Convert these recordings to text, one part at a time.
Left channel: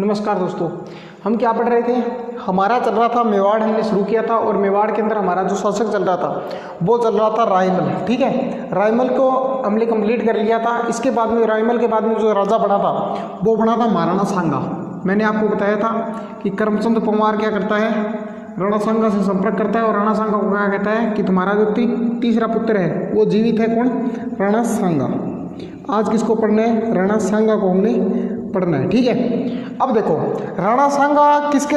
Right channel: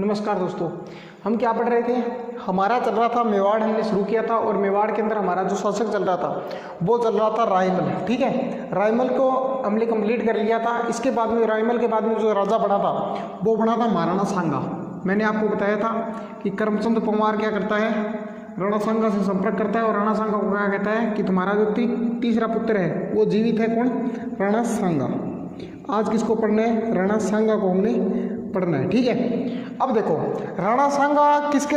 नमस्कार दोस्तों, हम क्या पढ़ रहे थे। हमारा चल रहा था मेवाड़, हमने शुरू किया था और मेवाड़ के अंदर हमारा जो शासक चल रहा था वो चल रहा था रायमल। ठीक है, रायमल को हमने कंप्लीट कर लिया था। इसके बाद में रायमल के बाद में जो राजा बना था वो बना था महाराणा सांगा। मैंने आपको बताया था कि करमचंद परमार क्या करता है, राणा सांगा से संपर्क करता है और राणा सांगा को क्या कहता है कि तुम्हारा जो तीसरा पुत्र है वो जीवित है। कौन? राणा सांगा। आज किसको पढ़ना है? राणा सांगा को हमने पढ़ना है। ठीक है, अब देखो राणा सांगा किसके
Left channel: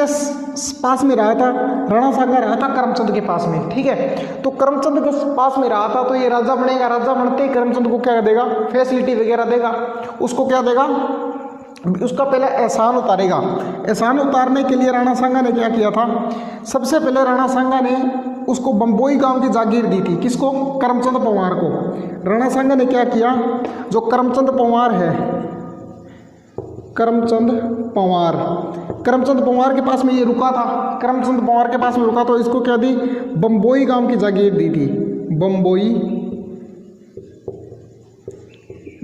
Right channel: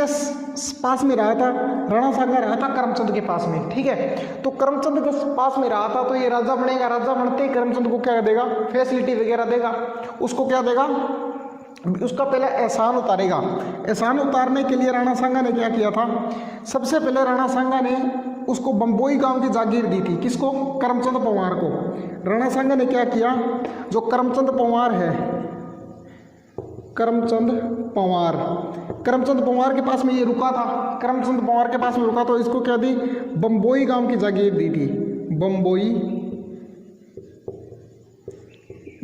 पास में रहा था? राणा सांगा रहा था करमचंद के पास में। ठीक है, तो करमचंद के पास में रहा था तो ये राजा बनेगा। राजा बनते ही करमचंद को क्या देगा? फैसिलिटी वगैरह देगा। उसको क्या देगा? उसका पहले एहसान उतारेगा। एहसान उतारने के लिए राणा सांगा ने क्या किया था? सबसे पहले राणा सांगा ने उसको बम्बोई गांव की जागीर दी थी। किसको? करमचंद परमार को। राणा सांगा ने क्या किया? जो करमचंद परमार है, करमचंद परमार के पास में ये रुका था, करमचंद परमार के पास में रुका तो इसको क्या दी? बम्बोई गांव की जागीर दी थी। बम्बोई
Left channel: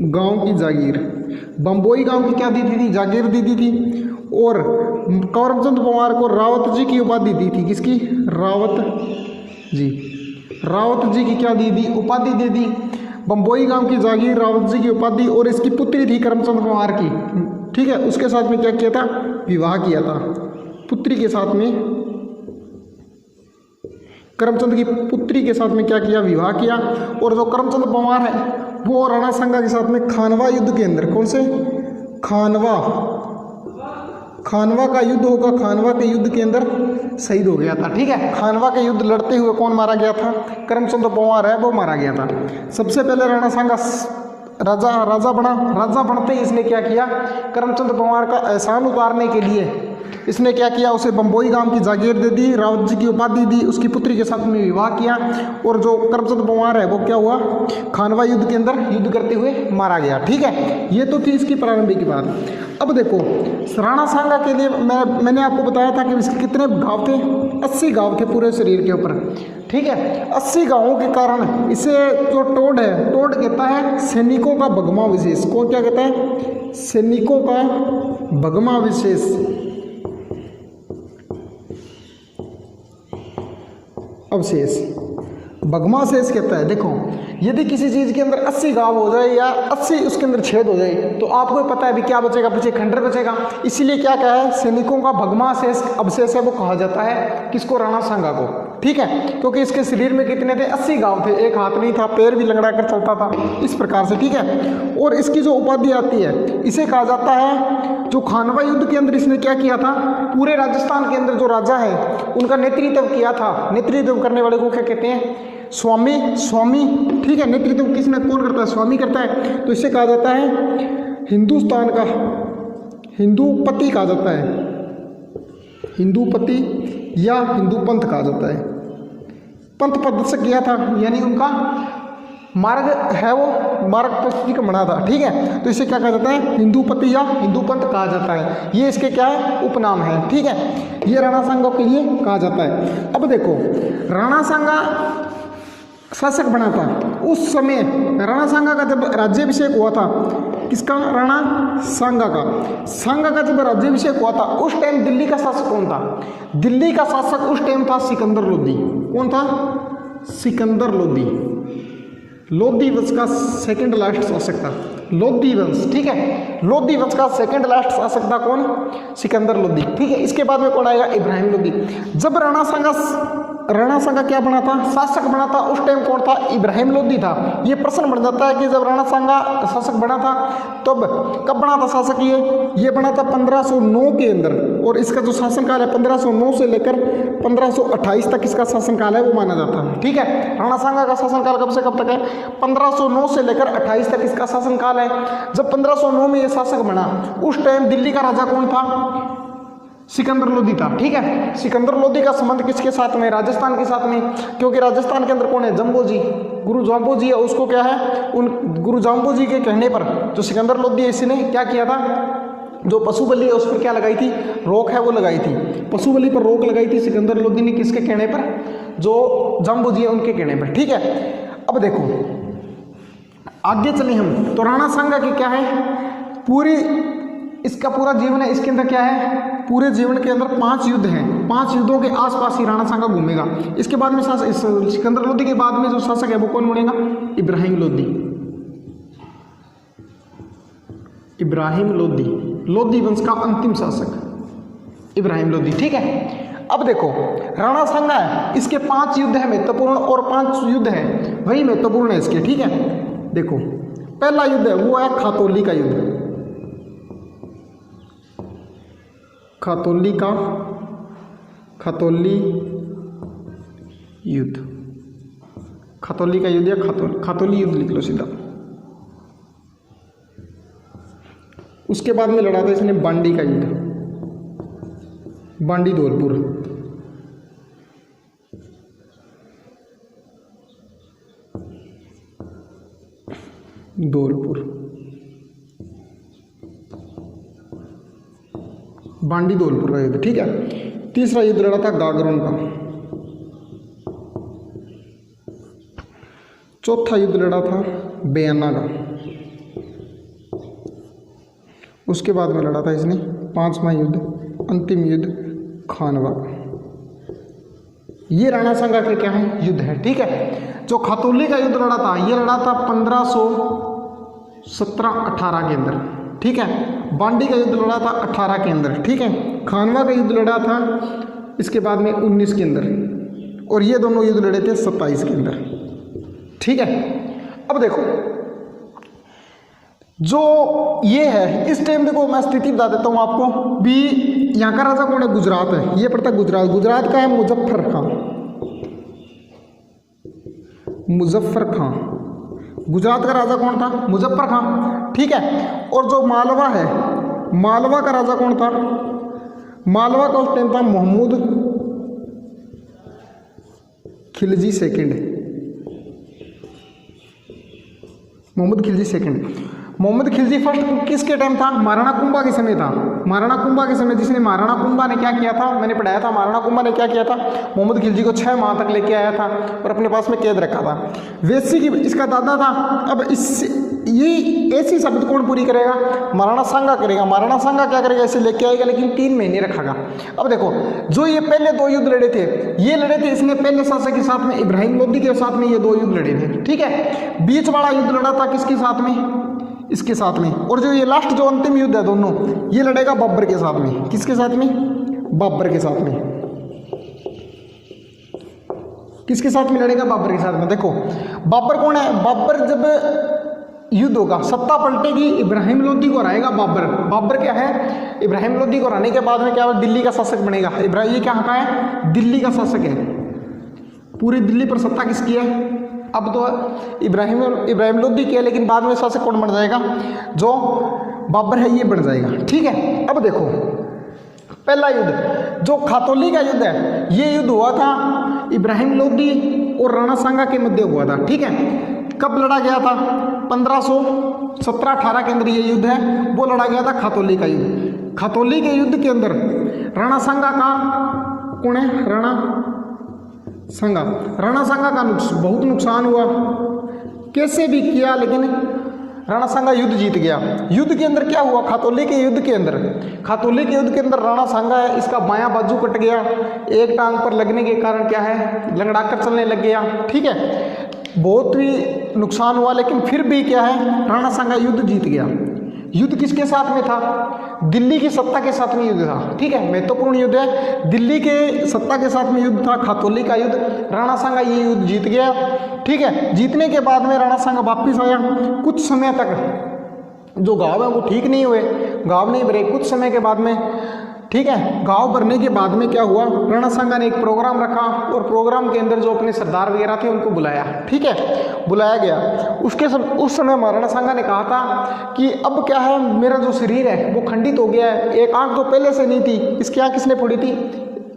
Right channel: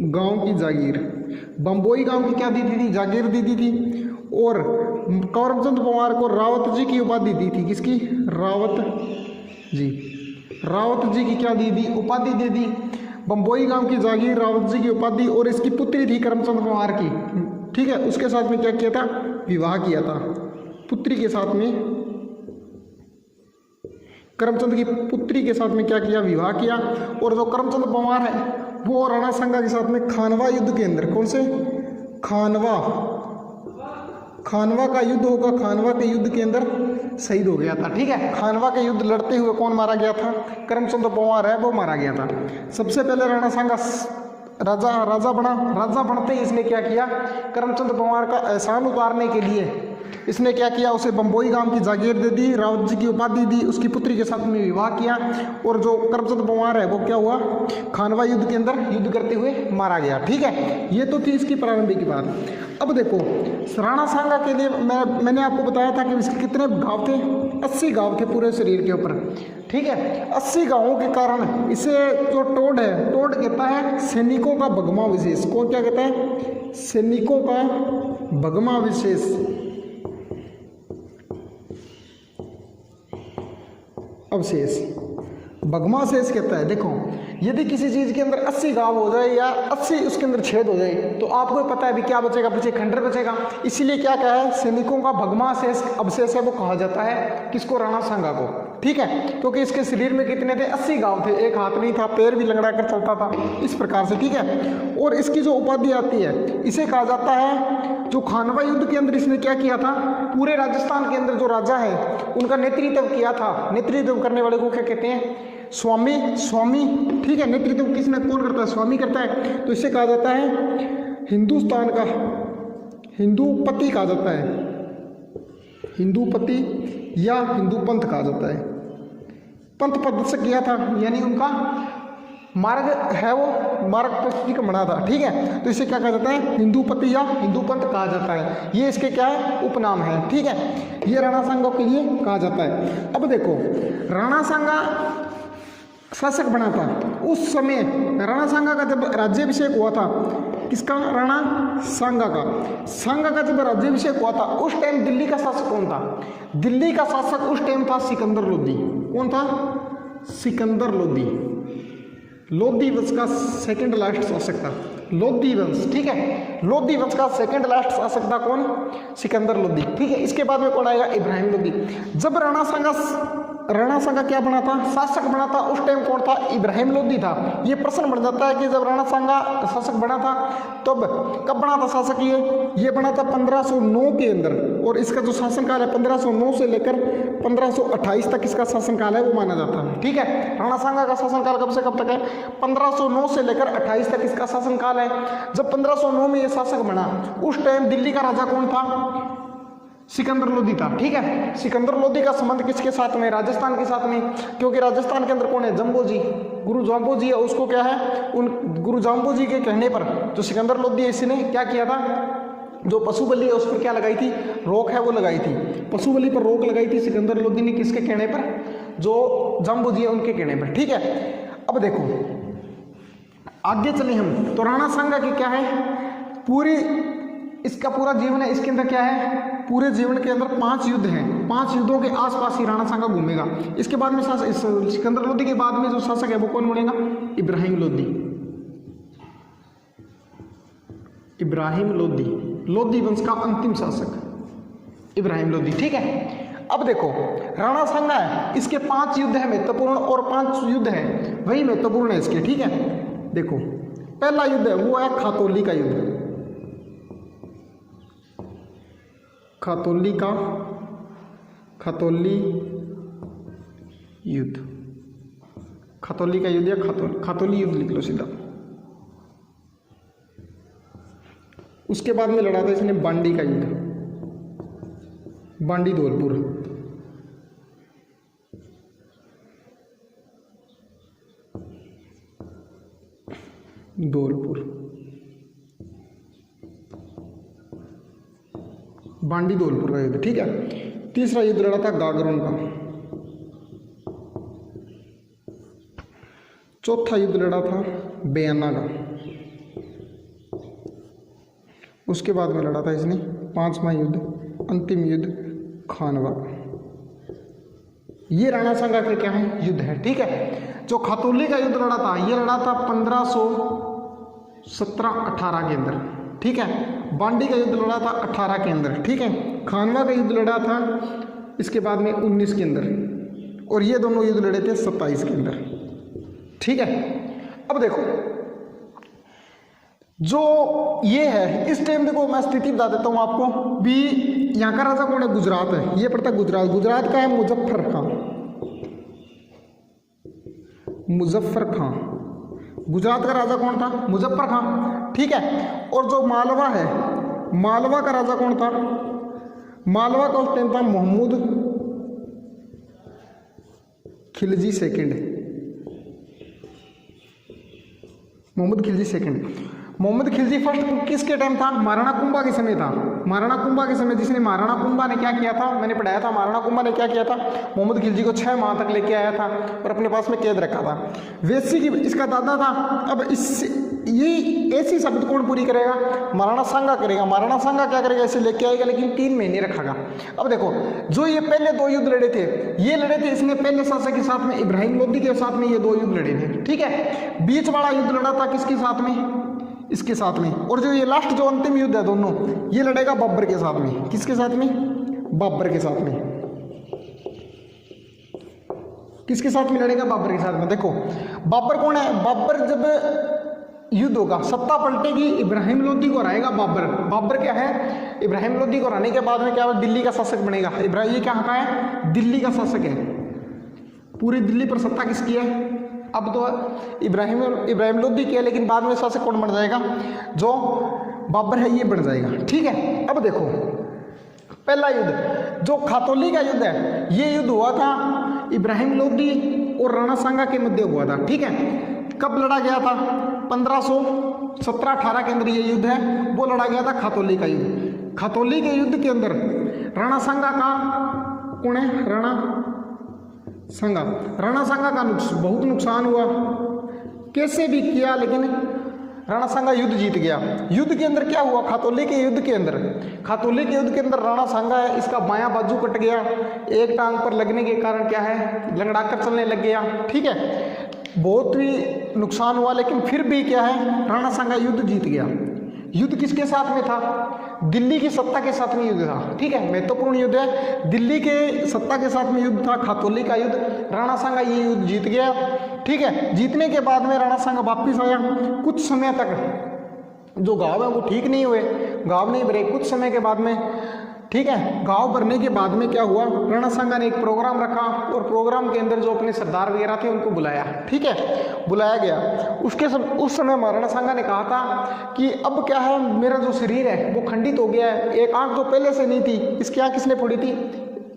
गांव की जागीर, बम्बोई गांव की क्या दी थी? जागीर दी थी। और करमचंद परमार को रावत जी की उपाधि दी थी। किसकी? रावत जी की क्या दी थी? उपाधि दे दी। बम्बोई गांव की जागीर, रावत जी की उपाधि, और इसकी पुत्री थी करमचंद परमार की। ठीक है, उसके साथ में क्या किया था? विवाह किया था। पुत्री के साथ में, करमचंद की पुत्री के साथ में क्या किया? विवाह किया। और जो करमचंद परमार है वो राणा सांगा के साथ में खानवा युद्ध के अंदर, कौन से? खानवा का युद्ध होगा। खानवा के युद्ध के अंदर शहीद हो गया था। ठीक है, खानवा के युद्ध लड़ते हुए कौन मारा गया था? करमचंद परमार है वो मारा गया था। सबसे पहले राणा सांगा राजा बना। राजा बनते ही इसने क्या किया? करमचंद परमार का एहसान उतारने के लिए इसने क्या किया? उसे बम्बोई गांव की जागीर दे दी, रावत जी की उपाधि दी, उसकी पुत्री के साथ में विवाह किया। और जो करमचंद परमार है वो क्या हुआ? खानवा युद्ध के अंदर युद्ध करते हुए मारा गया। ठीक है, ये तो थी इसकी प्रारंभिक बात। अब देखो राणा सांगा के लिए मैंने आपको बताया था कि इसके कितने गांव थे? 80 गांव थे पूरे शरीर के ऊपर। ठीक है, 80 गांवों के कारण इसे जो टोड है, टोड कहता है सैनिकों का भगमा विशेष। कौन क्या कहता है? सैनिकों का भगमा विशेष। अवशेष, भगमा शेष कहता है। देखो यदि किसी चीज के अंदर 80 गांव हो जाए या 80 उसके अंदर छेद हो जाए तो आपको पता है भी क्या बचेगा? पीछे खंडर बचेगा। इसीलिए क्या कहा है? सैनिकों का भगमा शेष अवशेष है वो कहा जाता है। किसको? राणा सांगा को। ठीक है, क्योंकि इसके शरीर में कितने थे? 80 गांव थे। एक हाथ नहीं था, पैर भी लंगड़ा कर चलता था, इस प्रकार से। ठीक है, और इसकी जो उपाधि आती है इसे कहा जाता है, जो खानवा युद्ध के अंदर इसने क्या किया था? पूरे राजस्थान के अंदर जो राजा है उनका नेतृत्व किया था। नेतृत्व करने वाले को क्या कहते हैं? स्वामी। ठीक है, नेतृत्व किसने कौन करता है? स्वामी करता है। तो इसे कहा जाता है हिंदुस्तान का हिंदूपति कहा जाता है। हिंदूपति या हिंदू पंथ कहा जाता है। पंथ पद से किया था, यानी उनका मार्ग है वो मार्ग पद्धति का बना था। ठीक है, तो इसे क्या कहा जाता है? हिंदूपति या हिंदू पंथ कहा जाता है। ये इसके क्या है? उपनाम है। ठीक है, ये राणा सांगा के लिए कहा जाता है। अब देखो राणा सांगा शासक बना था उस समय। राणा सांगा का जब राज्याभिषेक हुआ था, किसका? राणा सांगा का जब राज्याभिषेक हुआ था उस टाइम दिल्ली का शासक कौन था? दिल्ली का शासक उस टाइम था सिकंदर लोदी। कौन था? सिकंदर लोदी वंश का सेकंड लास्ट शासक था। लोदी वंश। ठीक है, लोदी वंश का सेकंड लास्ट शासक था कौन? सिकंदर लोदी। ठीक है, इसके बाद में कौन आएगा? इब्राहिम लोदी। जब राणा सांगा क्या बना था? शासक बना था। उस टाइम कौन था? इब्राहिम लोदी था। ये प्रश्न बन जाता है कि जब राणा सांगा शासक बना था तब कब बना था शासक? ये बना था 1509 के अंदर। और इसका जो शासनकाल है 1509 से लेकर 1528 तक इसका शासनकाल है वो माना जाता है। ठीक है, राणा सांगा का शासनकाल कब से कब तक है? 1509 से लेकर 28 तक इसका शासनकाल है। जब 1509 में ये शासक बना उस टाइम दिल्ली का राजा कौन था? सिकंदर लोदी था। ठीक है, सिकंदर लोदी का संबंध किसके साथ में? राजस्थान के साथ में, क्योंकि राजस्थान के अंदर कौन है? जम्बो जी, गुरु जाम्बो जी है। उसको क्या है? उन गुरु जाम्बो जी के कहने पर जो सिकंदर लोदी है इसने क्या किया था? जो पशु बलि है उस पर क्या लगाई थी? रोक है वो लगाई थी। पशु बलि पर रोक लगाई थी सिकंदर लोदी ने। किसके कहने पर? जो जाम्बो जी है उनके कहने पर। ठीक है, अब देखो आगे चले हम तो राणा सांगा की क्या है? पूरी इसका पूरा जीवन है, इसके अंदर क्या है, पूरे जीवन के अंदर 5 युद्ध हैं, 5 युद्धों के आसपास ही राणा सांगा घूमेगा। इसके बाद में सिकंदर लोदी के बाद में जो शासक है वो कौन बनेगा, इब्राहिम लोदी। इब्राहिम लोदी, लोदी वंश का अंतिम शासक इब्राहिम लोदी। ठीक है, अब देखो राणा सांगा है, इसके 5 युद्ध है महत्वपूर्ण और 5 युद्ध है वही महत्वपूर्ण है इसके। ठीक है, देखो पहला युद्ध है वो है खातौली का युद्ध, खातौली युद्ध, खातौली का युद्ध या खातौली युद्ध लिख लो सीधा। उसके बाद में लड़ा था इसने बांडी का युद्ध, बांडी धौलपुर, बांडी धौलपुर का युद्ध। ठीक है, तीसरा युद्ध लड़ा था गागरोन का, चौथा युद्ध लड़ा था बेयाना का, उसके बाद में लड़ा था इसने 5वां युद्ध, अंतिम युद्ध खानवा का। ये राणा सांगा के क्या है, युद्ध है। ठीक है, जो खातौली का युद्ध लड़ा था ये लड़ा था 1517-18 के अंदर। ठीक है, बांडी का युद्ध लड़ा था 18 के अंदर। ठीक है, खानवा का युद्ध लड़ा था इसके बाद में 19 के अंदर, और ये दोनों युद्ध लड़े थे 27 के अंदर। ठीक है, अब देखो जो ये है इस टाइम देखो मैं स्थिति बता देता हूँ आपको भी। यहाँ का राजा कौन है, गुजरात है, ये पड़ता गुजरात, गुजरात का है मुजफ्फर खां। गुजरात का राजा कौन था, मुजफ्फर खां। ठीक है, और जो मालवा है, मालवा का राजा कौन था, मालवा का उस टाइम था Mohammad Khilji second, Mohammad Khilji second. Mohammad Khilji first किसके टाइम था, महाराणा कुंभा के समय था। महाराणा कुंभा के समय जिसने महाराणा कुंभा ने क्या किया था, मैंने पढ़ाया था, महाराणा कुंभा ने क्या किया था, मोहम्मद खिलजी को 6 माह तक लेके आया था और अपने पास में कैद रखा था। वेसी की इसका दादा था। अब इस ये ऐसी शब्द कौन पूरी करेगा, महाराणा सांगा करेगा। महाराणा सांगा क्या करेगा, इसे लेके आएगा लेकिन 3 महीने रखेगा। अब देखो जो ये पहले 2 युद्ध लड़े थे, ये लड़े थे इसने पहले शासक के साथ में, इब्राहिम लोदी के साथ में ये 2 युद्ध लड़े थे। ठीक है, बीच वाला युद्ध लड़ा था किसके साथ में, इसके साथ में, और जो ये लास्ट जो अंतिम युद्ध है दोनों ये लड़ेगा बाबर के साथ में। किसके साथ में, बाबर के साथ में। किसके साथ में लड़ेगा, बाबर के साथ में। देखो बाबर कौन है, बाबर जब युद्ध होगा, सत्ता पलटेगी, इब्राहिम लोदी को हराएगा बाबर। बाबर क्या है, इब्राहिम लोदी को हराने के बाद में क्या है, दिल्ली का शासक बनेगा। इब्राहिम ये क्या का है, दिल्ली का शासक है। पूरी दिल्ली पर सत्ता किसकी है, अब तो इब्राहिम लोदी की है, लेकिन बाद में शासक कौन बन जाएगा, जो बाबर है ये बन जाएगा। ठीक है, अब देखो पहला युद्ध जो खातौली का युद्ध है, ये युद्ध हुआ था इब्राहिम लोदी और राणा सांगा के मध्य हुआ था। ठीक है, कब लड़ा गया था, 1517-18 के अंदर ये युद्ध है वो लड़ा गया था, खातौली का युद्ध। खातौली के युद्ध के अंदर राणा सांगा का कौन है, राणा सांगा का बहुत नुकसान हुआ, कैसे भी किया लेकिन राणा सांगा युद्ध जीत गया। युद्ध के अंदर क्या हुआ, खातौली के युद्ध के अंदर राणा सांगा है, इसका बायां बाजू कट गया, एक टांग पर लगने के कारण क्या है, लंगड़ा कर चलने लग गया। ठीक है, बहुत ही नुकसान हुआ, लेकिन फिर भी क्या है, राणा सांगा युद्ध जीत गया। युद्ध किसके साथ में था, दिल्ली की सत्ता के साथ में युद्ध था। ठीक है, महत्वपूर्ण युद्ध है, दिल्ली के सत्ता के साथ में युद्ध था, खातौली का युद्ध। राणा सांगा ये युद्ध जीत गया। ठीक है, जीतने के बाद में राणा सांगा वापिस आया। कुछ समय तक जो घाव है वो ठीक नहीं हुए, घाव नहीं भरे। कुछ समय के बाद में, ठीक है, घाव भरने के बाद में क्या हुआ, राणा सांगा ने एक प्रोग्राम रखा और प्रोग्राम के अंदर जो अपने सरदार वगैरह थे उनको बुलाया। ठीक है, बुलाया गया। उस समय महाराणा सांगा ने कहा था कि अब क्या है, मेरा जो शरीर है वो खंडित हो गया है। एक आंख जो पहले से नहीं थी, इसकी आंख किसने फोड़ी थी,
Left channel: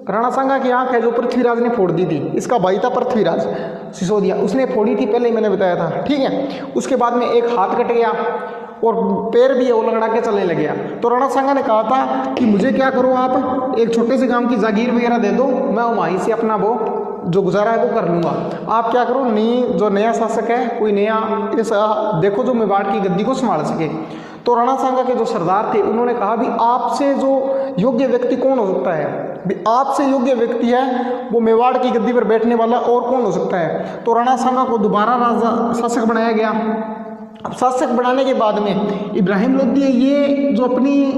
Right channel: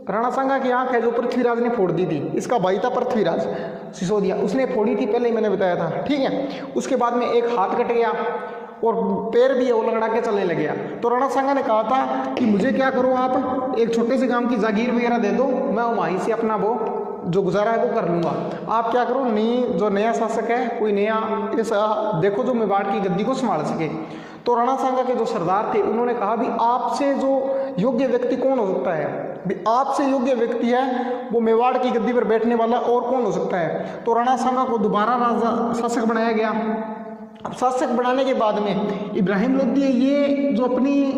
राणा सांगा की आंख है जो पृथ्वीराज ने फोड़ दी थी। इसका भाई था पृथ्वीराज सिसोदिया, उसने फोड़ी थी, पहले ही मैंने बताया था। ठीक है, उसके बाद में एक हाथ कट गया और पैर भी है वो लंगड़ा के चलने लग गया। तो राणा सांगा ने कहा था कि मुझे क्या करो, आप एक छोटे से गांव की जागीर वगैरह दे दो, मैं वहीं से अपना वो जो गुजारा है वो कर लूँगा। आप क्या करो, जो नया शासक है कोई नया ऐसा देखो जो मेवाड़ की गद्दी को संभाल सके। तो राणा सांगा के जो सरदार थे उन्होंने कहा भी आपसे जो योग्य व्यक्ति कौन हो सकता है, भी आपसे योग्य व्यक्ति है वो मेवाड़ की गद्दी पर बैठने वाला और कौन हो सकता है। तो राणा सांगा को दोबारा राजा शासक बनाया गया। अब शासक बनाने के बाद में इब्राहिम लोधी ये जो अपनी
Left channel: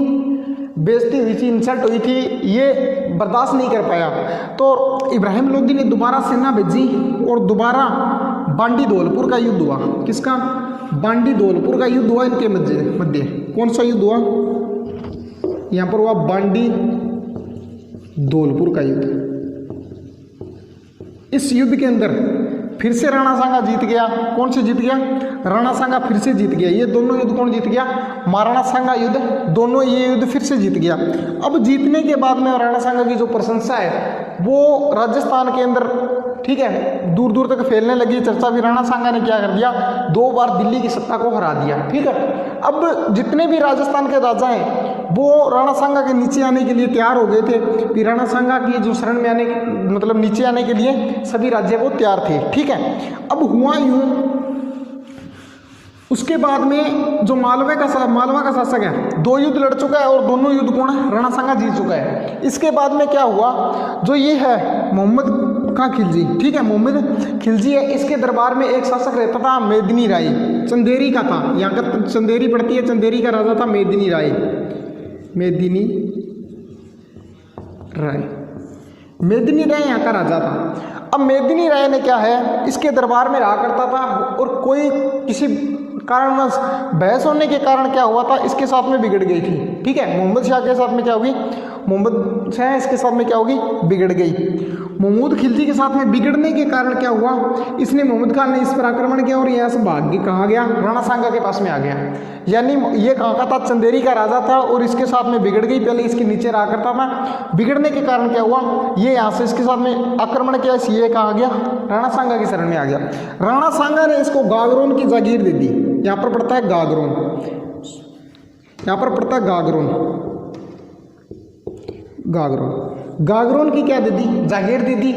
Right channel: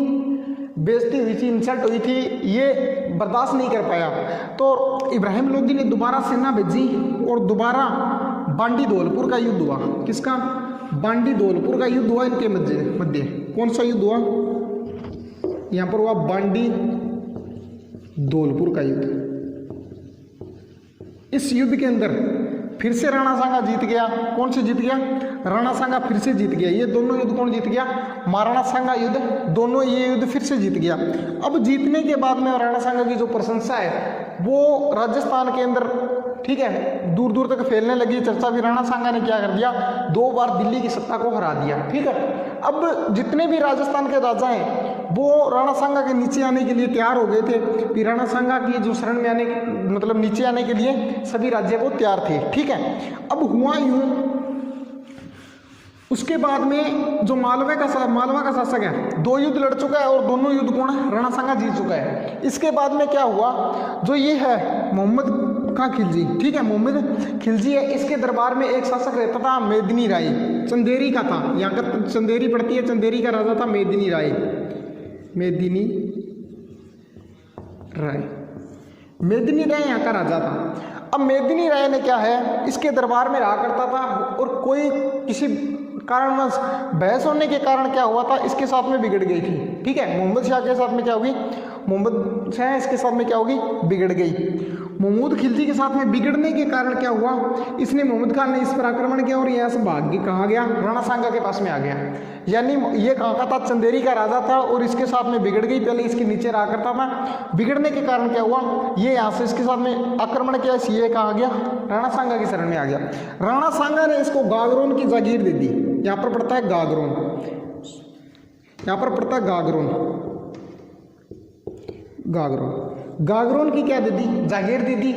बेइज्जती हुई थी, इंसल्ट हुई थी, ये बर्दाश्त नहीं कर पाया। तो इब्राहिम लोधी ने दोबारा सेना भेजी और दोबारा बांडी धौलपुर का युद्ध हुआ। किसका? बांडी धौलपुर का युद्ध हुआ इनके मध्य। कौन सा युद्ध हुआ? यहाँ पर हुआ बांडी धौलपुर का युद्ध। इस युद्ध के अंदर फिर से राणा सांगा जीत गया। कौन से जीत गया? राणा सांगा फिर से जीत गया। ये दोनों युद्ध कौन जीत गया? महाराणा सांगा युद्ध, दोनों ये युद्ध फिर से जीत गया। अब जीतने के बाद में राणा सांगा की जो प्रशंसा है वो राजस्थान के अंदर, ठीक है, दूर दूर तक फैलने लगी चर्चा भी। राणा सांगा ने क्या कर दिया? 2 बार दिल्ली की सत्ता को हरा दिया। ठीक है, अब जितने भी राजस्थान के राजा हैं वो राणा सांगा के नीचे आने के लिए तैयार हो गए थे। फिर राणा सांगा की जो शरण में आने, मतलब नीचे आने के लिए सभी राज्य वो तैयार थे। ठीक है, अब हुआ यूं, उसके बाद में जो मालवा का शासक है 2 युद्ध लड़ चुका है और दोनों युद्ध कौन है? राणा सांगा जीत चुका है। इसके बाद में क्या हुआ? जो ये है मोहम्मद खां खिलजी, ठीक है, मोहम्मद खिलजी है, इसके दरबार में एक शासक रहता था मेदिनी राय, चंदेरी का था। यहाँ का चंदेरी पड़ती है, चंदेरी का राजा था मेदिनी राय। मेदिनी राय यहाँ का राजा था। अब मेदिनी राय ने क्या है, इसके दरबार में रहा करता था और कोई किसी कारणवश बहस होने के कारण क्या हुआ था, इसके साथ में बिगड़ गई थी। ठीक है, मोहम्मद शाह के साथ में क्या होगी? मोहम्मद शाह इसके साथ में क्या होगी? बिगड़ गई। महमूद खिलजी के साथ में बिगड़ने के कारण क्या हुआ, इसने मोहम्मद खान ने इस पर आक्रमण किया और यहाँ से भाग के कहाँ गया? राणा सांगा के पास में आ गया। यानी ये कहाँ का था? चंदेरी का राजा था और इसके साथ में बिगड़ गई। पहले इसके नीचे रहा करता था। बिगड़ने के कारण क्या हुआ, ये यहाँ से इसके साथ में आक्रमण किया, ये कहाँ गया? राणा सांगा की शरण में आ गया। राणा सांगा ने इसको गागरोन की जागीर दे दी। यहाँ पर पड़ता है गागरोन, यहाँ पर पड़ता है गागरोन की क्या दे दी? जागीर दे दी।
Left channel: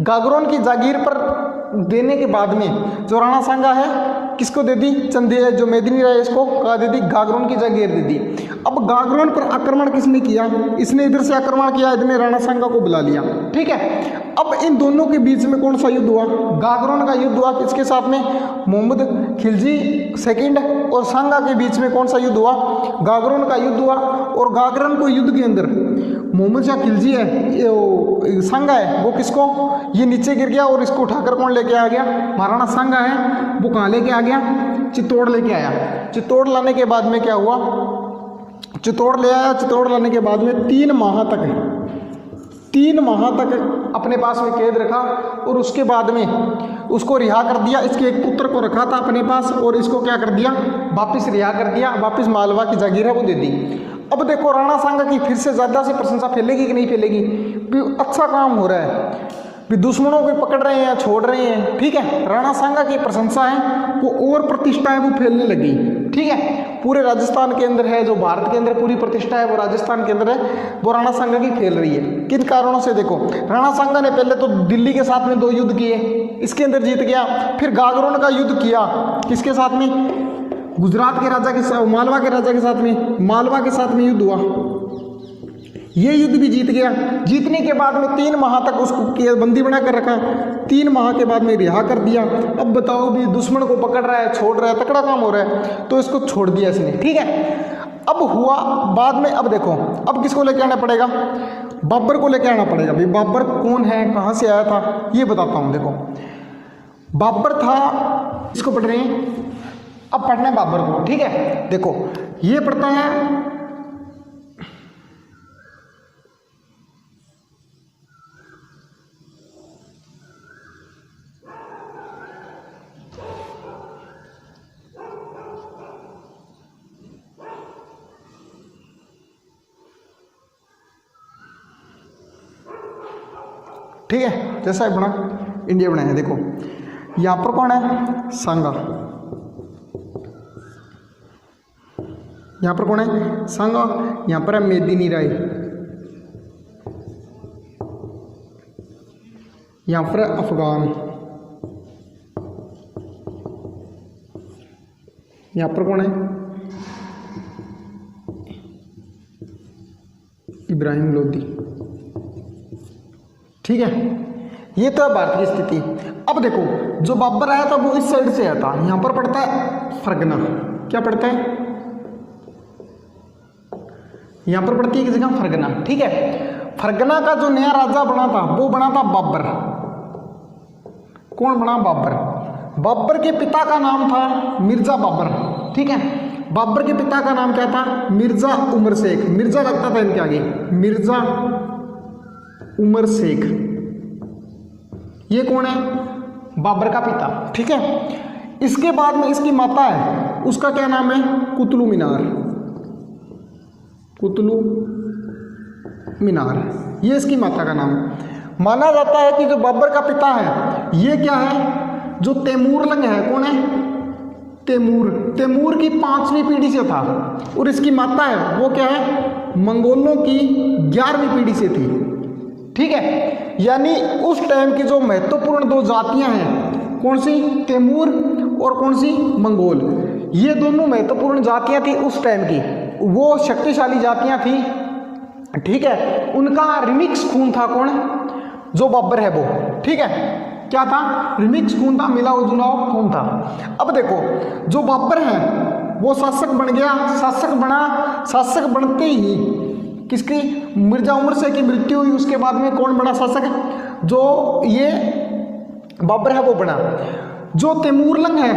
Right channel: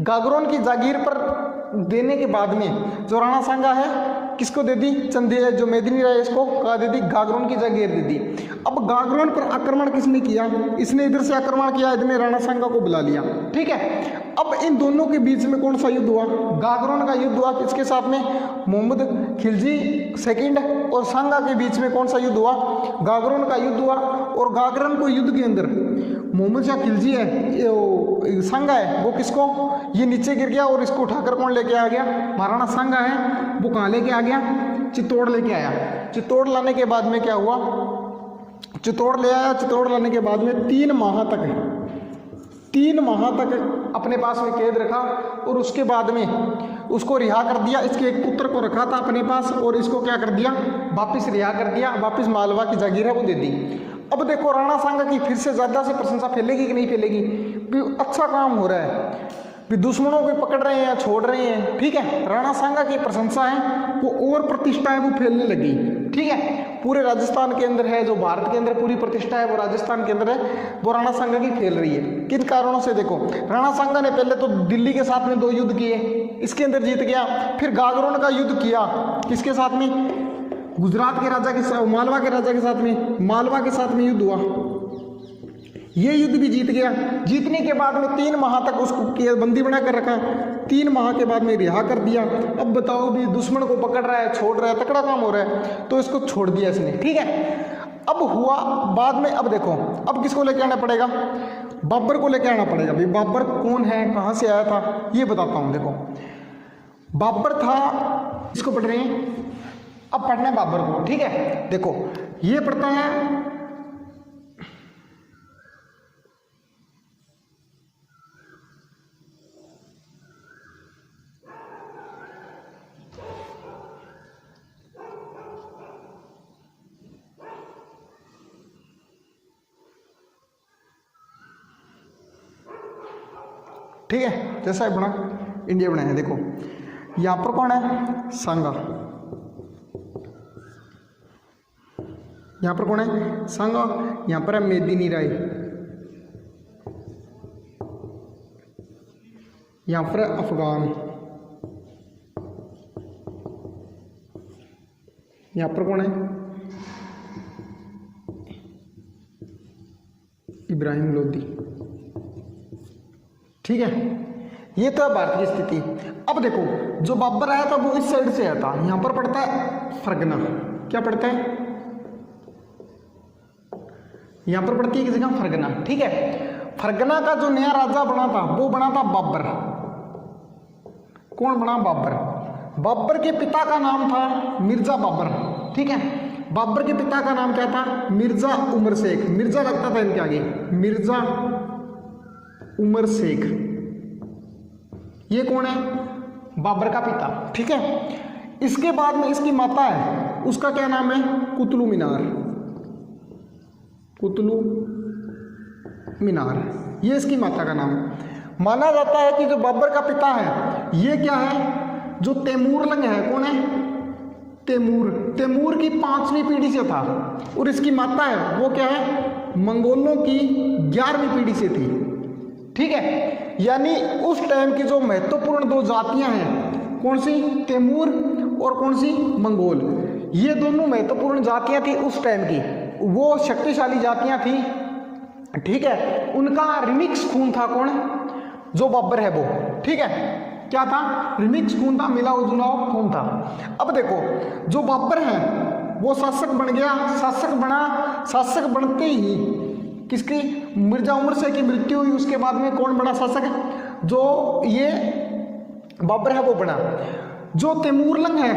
गागरोन की जागीर पर देने के बाद में जो राणा सांगा है किसको दे दी? जो मेदिनी राय, इसको क्या दे दी? गागरोन की जागीर दे दी। अब गागरोन पर आक्रमण किसने किया? इसने इधर से आक्रमण किया, इसने राणा सांगा को बुला लिया। ठीक है, अब इन दोनों के बीच में कौन सा युद्ध हुआ? गागरोन का युद्ध हुआ। किसके साथ में? मोहम्मद खिलजी सेकंड और सांगा के बीच में कौन सा युद्ध हुआ? गागरोन का युद्ध हुआ। और गागरोन को युद्ध के अंदर मोहम्मद शाह खिलजी है, सांगा है, वो किसको, ये नीचे गिर गया और इसको उठाकर कौन लेके आ गया? महाराणा सांगा है, वो कहाँ लेके आ गया? चित्तौड़ लेके आया। चित्तौड़ लाने के बाद में क्या हुआ? चित्तौड़ ले आया। चित्तौड़ लाने के बाद में 3 माह तक अपने पास में कैद रखा और उसके बाद में उसको रिहा कर दिया। इसके एक पुत्र को रखा था अपने पास और इसको क्या कर दिया? वापिस रिहा कर दिया, वापिस मालवा की जागीर है वो दे दी। अब देखो राणा सांगा की फिर से ज़्यादा से प्रशंसा फैलेगी कि नहीं फैलेगी? अच्छा काम हो रहा है, भी दुश्मनों को पकड़ रहे हैं, छोड़ रहे हैं। ठीक है, राणा सांगा की प्रशंसा है वो और प्रतिष्ठा है वो फैलने लगी। ठीक है, पूरे राजस्थान के अंदर है, जो भारत के अंदर पूरी प्रतिष्ठा है वो राजस्थान के अंदर है, वो राणा सांगा की फैल रही है। किन कारणों से? देखो, राणा सांगा ने पहले तो दिल्ली के साथ में 2 युद्ध किए, इसके अंदर जीत गया। फिर गागरोन का युद्ध किया, किसके साथ में? गुजरात के राजा के साथ, मालवा के राजा के साथ में, मालवा के साथ में युद्ध हुआ, ये युद्ध भी जीत गया। जीतने के बाद में 3 माह तक उसको बंदी बना कर रखा, 3 माह के बाद में रिहा कर दिया। अब बताओ भी, दुश्मन को पकड़ रहा है, छोड़ रहा है, तकड़ा काम हो रहा है, तो इसको छोड़ दिया इसने। ठीक है, अब हुआ बाद में, अब देखो, अब किसको लेके आना पड़ेगा? बाबर को लेके आना पड़ेगा। भाई बाबर कौन है, कहाँ से आया था, ये बताता हूँ। देखो, बाबर था, इसको पढ़ रहे हैं, अब पढ़ना है बाबर को। ठीक है, देखो ये पढ़ता है ठीक है, जैसा बना इंडिया बनाया। देखो यहाँ पर कौन है? सांगा। यहाँ पर कौन है? सांगा। यहाँ पर है मेदिनी राय, यहाँ पर अफगान, यहाँ पर कौन है, इब्राहिम लोदी। ठीक है, ये तो है भारत की स्थिति। अब देखो जो बाबर आया था वो इस साइड से आया था, यहां पर पड़ता है फरगना, क्या पड़ता है, यहां पर पड़ती है एक जगह फरगना। ठीक है, फरगना का जो नया राजा बना था वो बना था बाबर। कौन बना, बाबर। बाबर के पिता का नाम था मिर्जा बाबर। ठीक है, बाबर के पिता का नाम क्या था, मिर्जा उमर शेख। मिर्जा लगता था इनके आगे, मिर्जा उमर शेख। ये कौन है, बाबर का पिता। ठीक है, इसके बाद में इसकी माता है, उसका क्या नाम है, कुतुब मीनार। कुतुब मीनार, ये इसकी माता का नाम है। माना जाता है कि जो बाबर का पिता है ये क्या है, जो तैमूरलंग है, कौन है, तैमूर। तैमूर की 5वीं पीढ़ी से था, और इसकी माता है वो क्या है, मंगोलों की 11वीं पीढ़ी से थी। ठीक है, यानी उस टाइम की जो महत्वपूर्ण दो जातियां हैं, कौन सी, तैमूर और कौन सी, मंगोल। ये दोनों महत्वपूर्ण जातियां थी उस टाइम की, वो शक्तिशाली जातियां थी। ठीक है, उनका रिमिक्स खून था, कौन, जो बाबर है वो। ठीक है, क्या था, रिमिक्स खून था, मिला जुलाव खून था। अब देखो जो बाबर है वो शासक बन गया, शासक बनते ही किसकी, मिर्जा उमर शेख की मृत्यु हुई। उसके बाद में कौन बना शासक, जो ये बाबर है वो बना। जो तैमूरलंग है,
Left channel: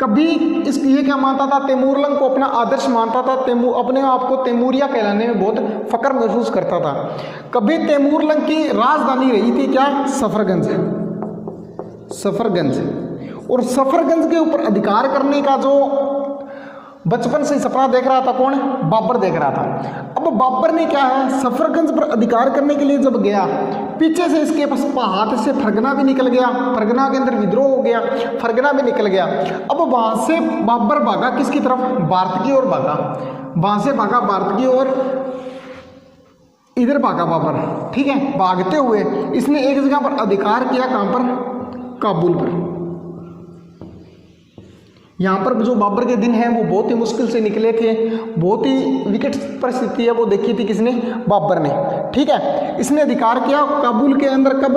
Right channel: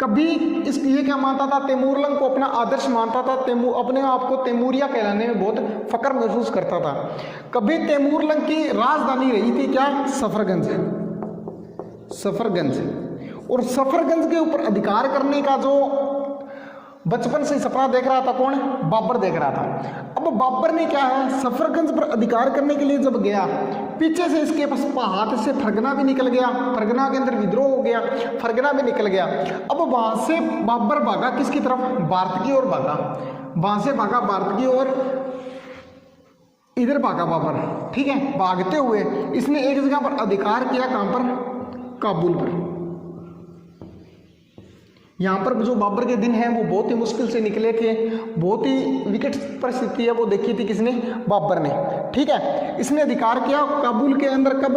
कभी ये क्या मानता था, तैमूरलंग को अपना आदर्श मानता था, अपने आप को तैमूरिया कहलाने में बहुत फख्र महसूस करता था। कभी तैमूरलंग की राजधानी रही थी क्या, सफरगंज। और सफरगंज के ऊपर अधिकार करने का जो बचपन से सपना देख रहा था, कौन, बाबर देख रहा था। अब बाबर ने क्या है, सफरगंज पर अधिकार करने के लिए जब गया, पीछे से इसके पास हाथ से फरगना भी निकल गया, फरगना के अंदर विद्रोह हो गया, फरगना भी निकल गया। अब वहां से बाबर भागा किसकी तरफ, भारत की ओर भागा। वहां से भागा भारत की ओर, इधर भागा बाबर। ठीक है, भागते हुए इसने एक जगह पर अधिकार किया, कहां पर, काबुल पर। यहाँ पर जो बाबर के दिन हैं वो बहुत ही मुश्किल से निकले थे, बहुत ही विकट परिस्थिति है वो देखी थी किसने, बाबर ने। ठीक है, इसने अधिकार किया काबुल के अंदर, कब,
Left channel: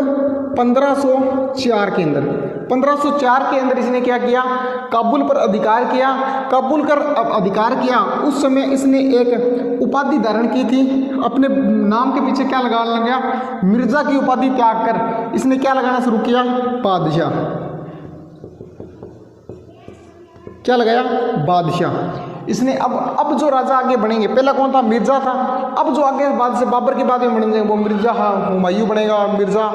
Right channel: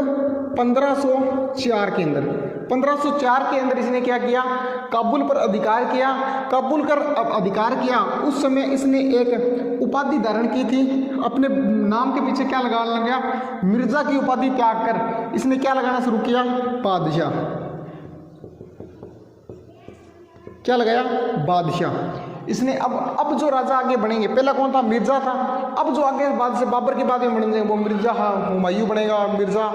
1504 के अंदर। 1504 के अंदर इसने क्या किया, काबुल पर अधिकार किया। काबुल पर अधिकार किया, उस समय इसने एक उपाधि धारण की थी, अपने नाम के पीछे क्या लगाने लगा, मिर्जा की उपाधि त्याग कर इसने क्या लगाना शुरू किया, बादशाह। क्या लगाया, बादशाह। इसने अब जो राजा आगे बनेंगे, पहला कौन था, मिर्जा था। अब जो आगे बाद से बाबर के बाद में बनेंगे वो मिर्जा हुमायूं बनेगा, मिर्जा।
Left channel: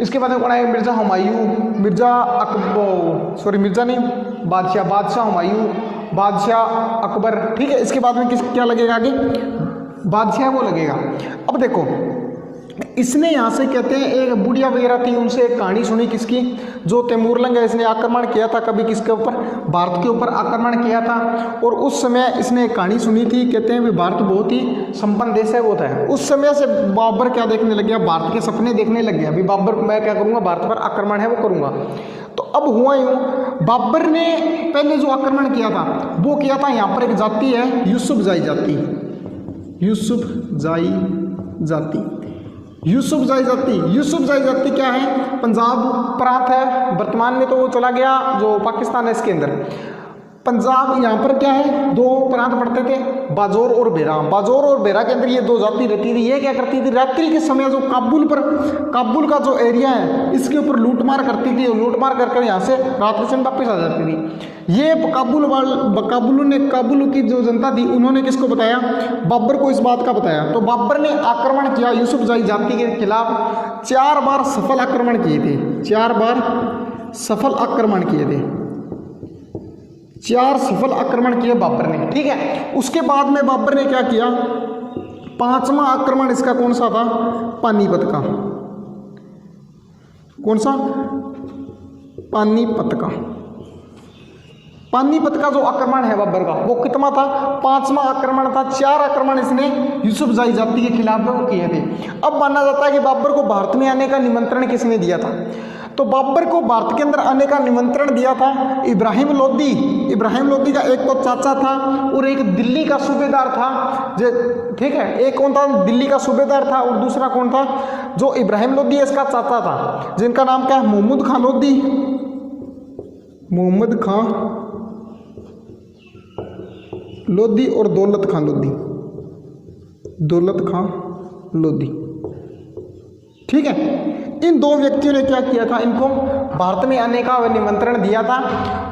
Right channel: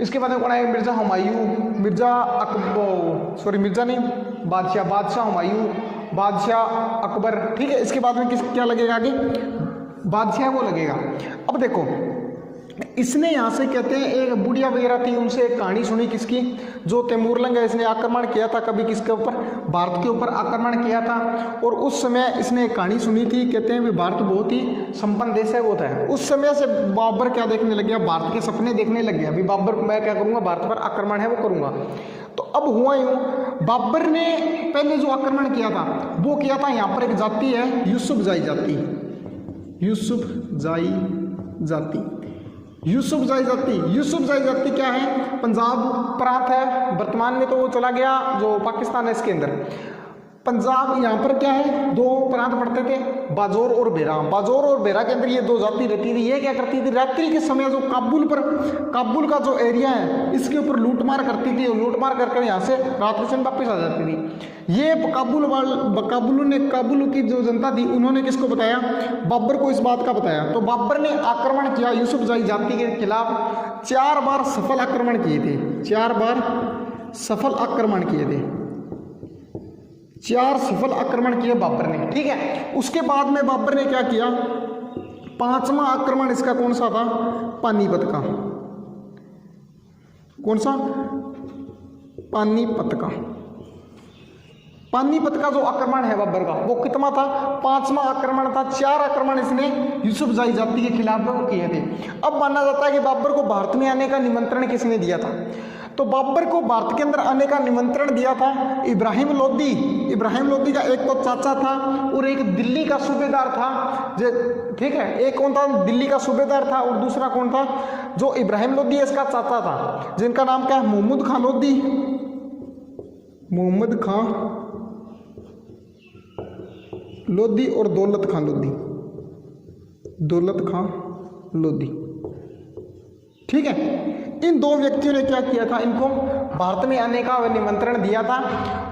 इसके बाद में कौन आएगा, मिर्जा हुमायूं, मिर्जा अकबर, सॉरी मिर्जा नहीं, बादशाह हुमायूं, बादशाह अकबर। ठीक है, इसके बाद में क्या लगेगा आगे, बादशाह वो लगेगा। अब देखो इसने यहाँ से कहते हैं एक बुढ़िया वगैरह थी, उनसे एक कहानी सुनी किसकी, जो तैमूरलंग है, इसने आक्रमण किया था कभी किसके ऊपर, भारत के ऊपर आक्रमण किया था। और उस समय इसने एक कहानी सुनी थी, कहते हैं भी भारत बहुत ही संपन्न देश है वो था। उस समय से बाबर क्या देखने लग गया, भारत के सपने देखने लग गया, अभी बाबर मैं क्या करूँगा, भारत पर आक्रमण है वो करूँगा। तो अब हुआ यूँ, बाबर ने पहले जो आक्रमण किया था वो किया था, यहाँ पर एक जाति है यूसुफजाई जाति, यूसुफजाई जाति क्या है, पंजाब प्रांत है, वर्तमान में तो वो चला गया जो पाकिस्तान है इसके अंदर। पंजाब यहाँ पर क्या है, दो प्रांत पड़ते थे, बाजौर और बेरा। बाजौर और बेरा के अंदर ये दो जाति रहती थी। ये क्या करती थी, रात्रि के समय जो काबुल का जो एरिया है इसके ऊपर लूटमार करती थी, और लूटमार कर यहाँ से रात के समय वापस आ जाती थी। ये काबुल की जो जनता थी उन्होंने किसको बताया, बाबर को इस बात का बताया। तो बाबर ने आक्रमण किया यूसुफजाई जाति के खिलाफ, 4 बार सफल आक्रमण किए थे, 4 बार सफल आक्रमण किए थे, 4 सफल आक्रमण किए बाबर ने। ठीक है, उसके बाद में बाबर ने क्या किया, 5वां आक्रमण इसका कौन सा था, पानीपत का। कौन सा, पानीपत का। पानीपत का जो आक्रमण है बाबर का वो कितना था, 5वां आक्रमण था। 4 आक्रमण इसने यूसुफजाई जाति के खिलाफ में वो किए थे। अब माना जाता है कि बाबर को भारत में आने का निमंत्रण किसने दिया था, तो बाबर को भारत के अंदर आने का निमंत्रण दिया था इब्राहिम लोदी। इब्राहिम लोदी का एक तो चाचा था और एक दिल्ली का सूबेदार था, जो ठीक है, एक कौन था, दिल्ली का सूबेदार था, और दूसरा कौन था, जो इब्राहिम लोदी इसका चाचा था, जिनका नाम क्या है, मोहम्मद खान लोदी। मोहम्मद खान लोदी और दौलत खान लोदी, दौलत खान लोदी, ठीक है। इन 2 व्यक्तियों ने क्या किया था, इनको भारत में आने का निमंत्रण दिया था,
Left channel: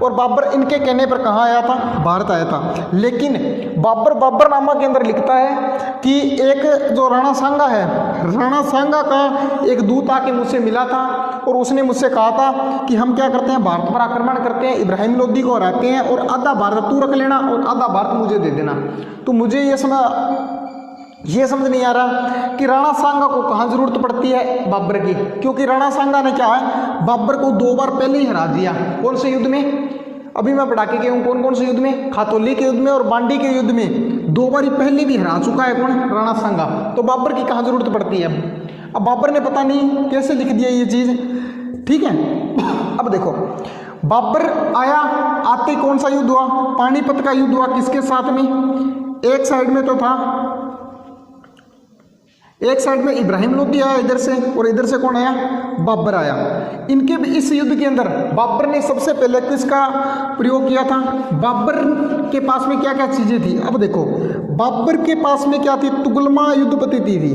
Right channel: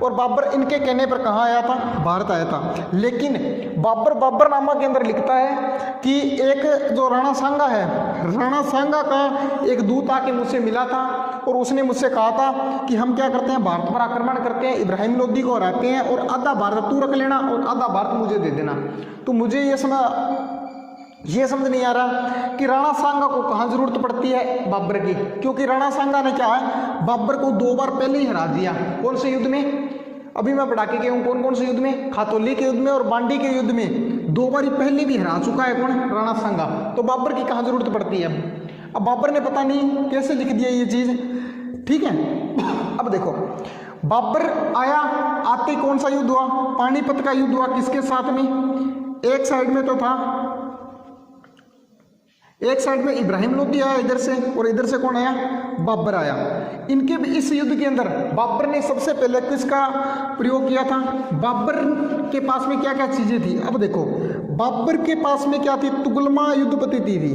और बाबर इनके कहने पर कहाँ आया था, भारत आया था। लेकिन बाबरनामा के अंदर लिखता है कि एक जो राणा सांगा है, राणा सांगा का एक दूत आके मुझसे मिला था और उसने मुझसे कहा था कि हम क्या करते हैं, भारत पर आक्रमण करते हैं, इब्राहिम लोदी को हराते हैं और आधा भारत तू रख लेना और आधा भारत मुझे दे देना। तो मुझे ये समझ नहीं आ रहा कि राणा सांगा को कहाँ जरूरत पड़ती है बाबर की, क्योंकि राणा सांगा ने क्या है, बाबर को 2 बार पहले ही हरा दिया। कौन से युद्ध में, अभी मैं पढ़ा के गया हूँ, कौन कौन से युद्ध में, खातौली के युद्ध में और बांडी के युद्ध में 2 बार पहले भी हरा चुका है कौन, राणा सांगा। तो बाबर की कहाँ जरूरत पड़ती है। अब बाबर ने पता नहीं कैसे लिख दिया ये चीज, ठीक है। अब देखो बाबर आया, आते कौन सा युद्ध हुआ, पानीपत का युद्ध हुआ। किसके साथ में, एक साइड में तो था, एक साइड में इब्राहिम लोदी आया इधर से, और इधर से कौन आया, बाबर आया। इनके भी इस युद्ध के अंदर बाबर ने सबसे पहले किसका प्रयोग किया था, बाबर के पास में क्या क्या चीजें थी। अब देखो बाबर के पास में क्या थी, तुगलमा युद्ध पद्धति थी,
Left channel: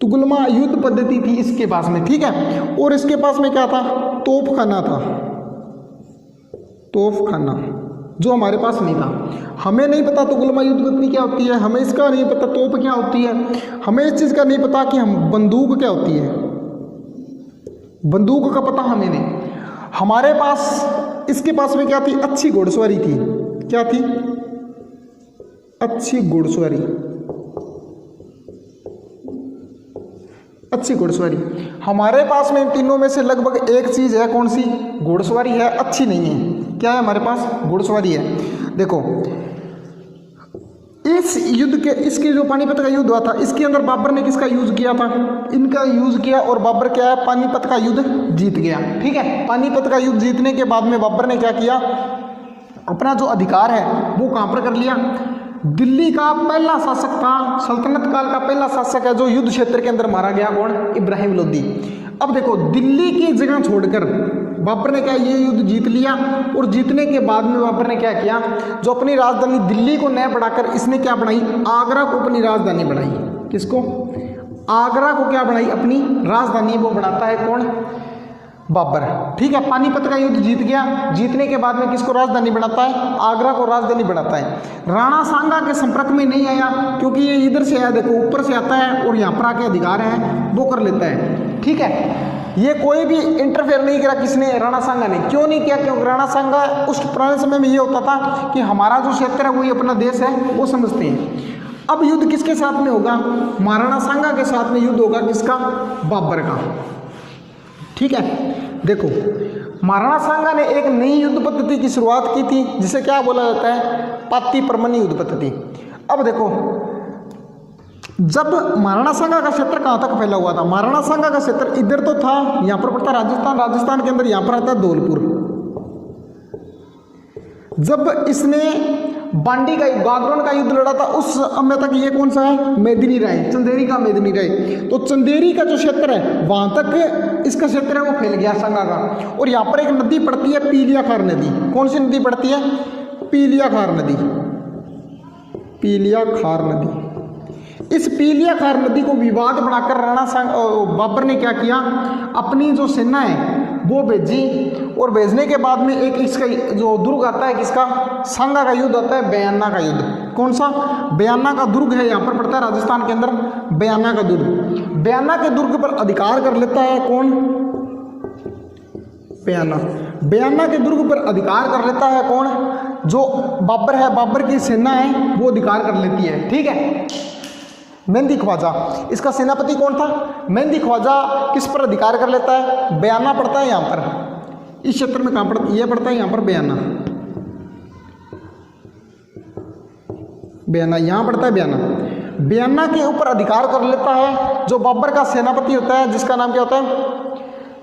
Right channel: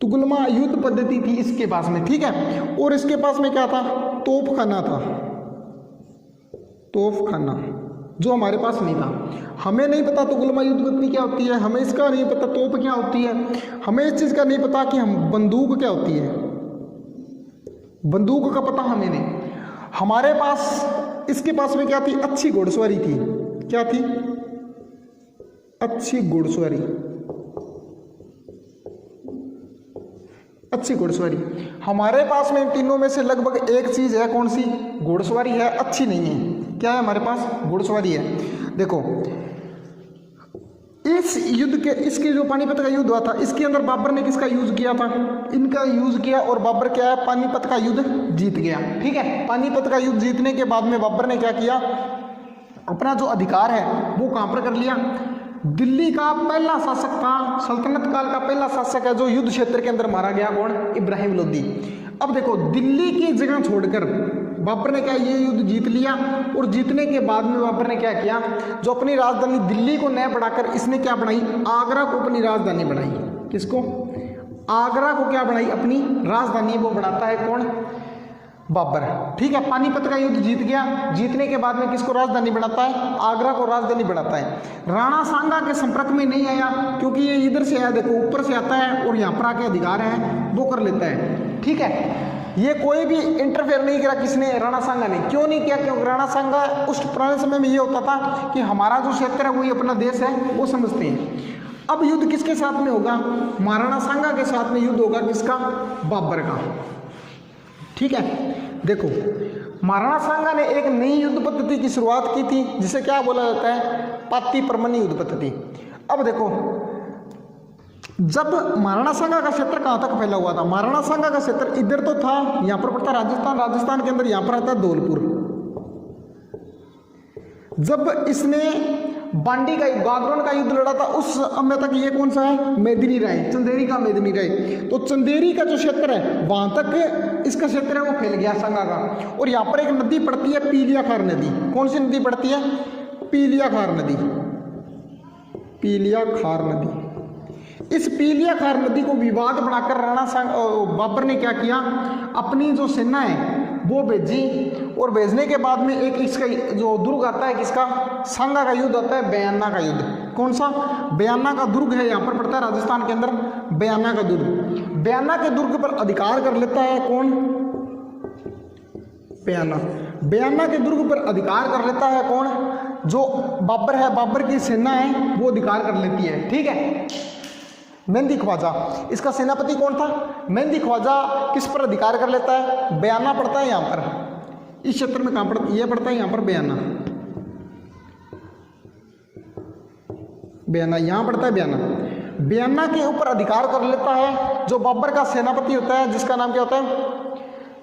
तुगलमा युद्ध पद्धति थी इसके पास में, ठीक है। और इसके पास में क्या था, तोपखाना था, तोपखाना, जो हमारे पास नहीं था। हमें नहीं पता तुगलमा युद्ध पद्धति क्या होती है, हमें इसका नहीं पता तोप क्या होती है, हमें इस चीज का नहीं पता कि हम बंदूक क्या होती है, बंदूक का पता हमें नहीं। हमारे पास इसके पास में क्या थी, अच्छी घुड़सवारी थी। क्या थी, अच्छी घुड़सवारी, अच्छी घुड़सवारी। हमारे पास में इन तीनों में से लगभग एक चीज है, कौन सी, घुड़सवारी है, अच्छी नहीं है। क्या है हमारे पास, घुड़सवारी है। देखो इस युद्ध के, इसके जो पानीपत का युद्ध हुआ था, इसके अंदर बाबर ने किसका यूज किया था, इनका यूज किया, और बाबर क्या है, पानीपत का युद्ध जीत गया, ठीक है। पानीपत का युद्ध जीतने के बाद में बाबर ने क्या किया, अपना जो अधिकार है वो कहां पर कर लिया, दिल्ली का पहला शासक था, सल्तनत काल का पहला शासक है जो युद्ध क्षेत्र के अंदर मारा गया, कौन, इब्राहिम लोदी। अब देखो दिल्ली की जगह छोड़कर बाबर ने क्या ये युद्ध जीत लिया, और जीतने के बाद में बाबर ने क्या किया, जो अपनी राजधानी दिल्ली को न बढ़ाकर इसने क्या बनाई, आगरा को अपनी राजधानी बनाई। किसको, आगरा को क्या बनाई, अपनी राजधानी वो बनाता है कौन, बाबर, ठीक है। पानीपत का युद्ध जीत गया, जीतने के बाद में किसको राजधानी बनाता है, आगरा को राजधानी बनाता है। राणा सांगा के संपर्क में नहीं आया, क्योंकि ये इधर से आया, देखो ऊपर से आता है और यहाँ पर आके अधिकार है वो कर लेता है, ठीक है। ये कोई भी इंटरफेयर नहीं करा, किसने, राणा सांगा ने। क्यों नहीं किया, क्योंकि राणा सांगा उस पुराने समय में ये होता था कि हमारा जो क्षेत्र है वही अपना देश है, वो समझते हैं। अब युद्ध किसके साथ में होगा, महाराणा सांगा के साथ में युद्ध होगा, किसका, बाबर का, ठीक है। देखो महाराणा सांगा ने एक नई युद्ध पद्धति की शुरुआत की थी, जिसे क्या बोला जाता है, पाती परमनी युद्ध पद्धति। अब देखो जब महाराणा सांगा का क्षेत्र कहां तक फैला हुआ था, महाराणा सांगा का क्षेत्र इधर तो था, यहां पर पड़ता राजस्थान, राजस्थान के अंदर यहां पर आता है धौलपुर। जब इसने बांडी का, गागरोन का युद्ध लड़ा था, उस समय तक ये कौन सा है, मेदिनी राय, चंदेरी का मेदिनी राय। तो चंदेरी का जो क्षेत्र है वहां तक इसका क्षेत्र है वो फैल गया सांगा का। और यहाँ पर एक नदी पड़ती है, पीलियाखार नदी। कौन सी नदी पड़ती है, पीलियाखार नदी, पीलियाखार नदी। इस पीलियाखार नदी को विवाद बनाकर बाबर ने क्या किया, अपनी जो सेना है वो भेजी, और भेजने के बाद में एक इसका जो दुर्ग आता है, किसका, सांगा का युद्ध आता है, बयाना का युद्ध। कौन सा, बयाना का दुर्ग है, यहाँ पर पड़ता है राजस्थान के अंदर, बयाना का दुर्ग। बयाना के दुर्ग पर अधिकार कर लेता है कौन, बयाना। बयाना के दुर्ग पर अधिकार कर लेता है कौन, जो बाबर है, बाबर की सेना है वो अधिकार कर लेती है, ठीक है। मेहंदी ख्वाजा, इसका सेनापति कौन था, मेहंदी ख्वाजा किस पर अधिकार कर लेता है, बयाना पड़ता है यहाँ पर, इस क्षेत्र में कहाँ पड़ता, ये पड़ता है यहाँ पर बयाना, बयाना यहाँ पड़ता है बयाना। बयाना के ऊपर अधिकार कर लेता है जो बाबर का सेनापति होता है, जिसका नाम क्या होता है,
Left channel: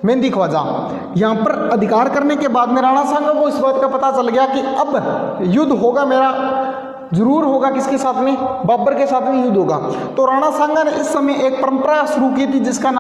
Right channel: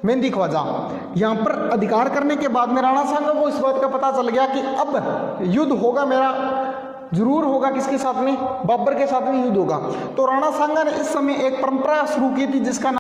मेहंदी ख्वाजा। यहाँ पर अधिकार करने के बाद में राणा सांगा को इस बात का पता चल गया कि अब युद्ध होगा मेरा, जरूर होगा, किसके साथ में, बाबर के साथ में युद्ध होगा। तो राणा सांगा ने इस समय एक परंपरा शुरू की थी जिसका